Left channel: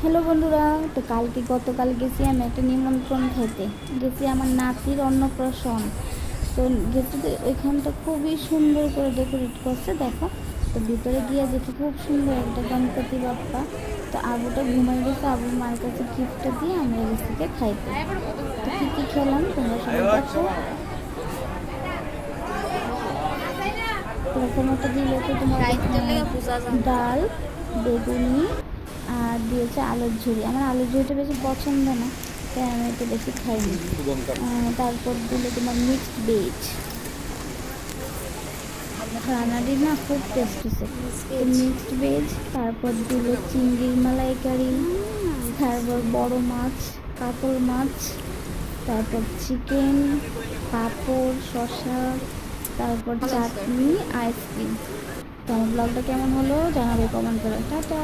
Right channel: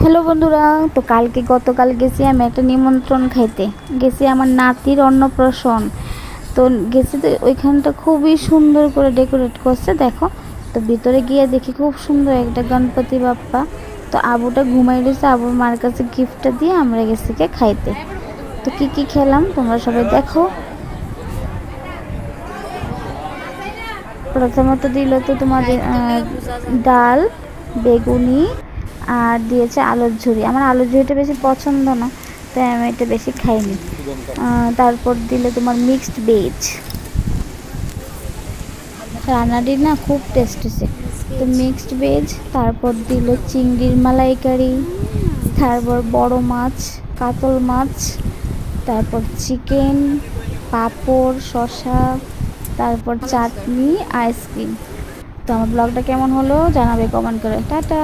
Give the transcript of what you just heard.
Hello বন্ধুরা, তো গতকাল গেছি আমি একটা নিমন্ত্রণ খাইতে। গেছি আমার নাতির অন্নপ্রাশন। তো গেছি, তো ওইখানটা খুবই সুন্দর করে ডেকোরেট করছে, দেখো। তো ভিতরে গিয়ে দেখি খুব সুন্দর একটা গণপতি বাপ্পা। তো আবুটা ঘুমাই দিয়েছে, আবুর মার কাছে গিফটটা দিয়ে আমরা গেছি খাইতে। তো কি কি খেলাম তোমরা সবাই দেখো। প্রথমত দিল তো তোমার ডাল, বেগুনি, আর দিয়েছে আলুর ঝুড়ি। আমার আলুর ঝুড়িটা বেশি পছন্দ না, তাই আমি এটা বেশি খাইনি। তারপর দিলে তোমার মিক্সড ভেজ। রান্নাটি না খুব টেস্ট হয়েছে। তো মিক্সড ভেজ, তারপর দিল চিংড়ির মালাইকারি, তারপর বড় মাছ, কাতল মাছ, তারপর চিকেন, পাঁপড়, শসা, তারপর চাটনি, আইসক্রিম। তো আমার ব্লগটা কেমন হলো জানাবে কমেন্ট করে। টাটা।